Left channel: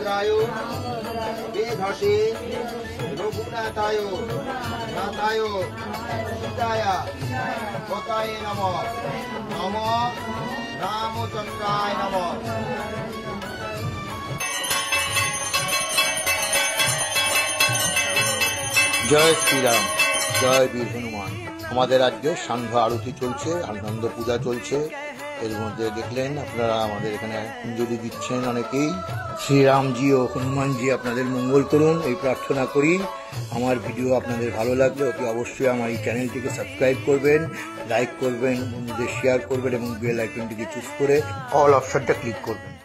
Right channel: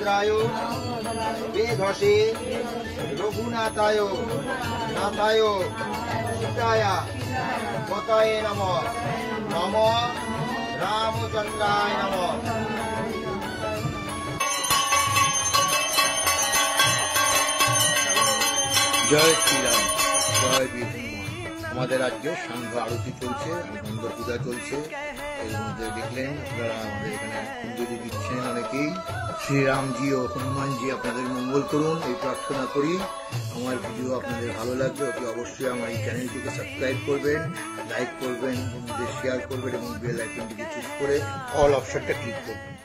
रामभद्राय वेधसे रघुनाथाय नाथाय सीताय पताय नमः। नमो रामचंद्राय नमः। जय श्री राम, जय वीर हनुमान। हमारे राज्य सांघ आरती चलছে, आनंद पूजा चलছে। এর মধ্যে দেখলেন আপনারা আমাদের এখানে কুঞ্জলি দিচ্ছেন অনেকেই। শ্রীরামজি ও হনুমানজি আপনাদের মঙ্গল করুন এই প্রার্থনা করি। আমার ভিডিও আপনাদের ভালো লাগলে অতি অবশ্যই আমার এই চ্যানেলটিকে সাবস্ক্রাইব করবেন, লাইক করবেন, বন্ধুদের শেয়ার করবেন এবং বেল আইকনটিকে চুজ করে অল অপশনটা ক্লিক করবেন।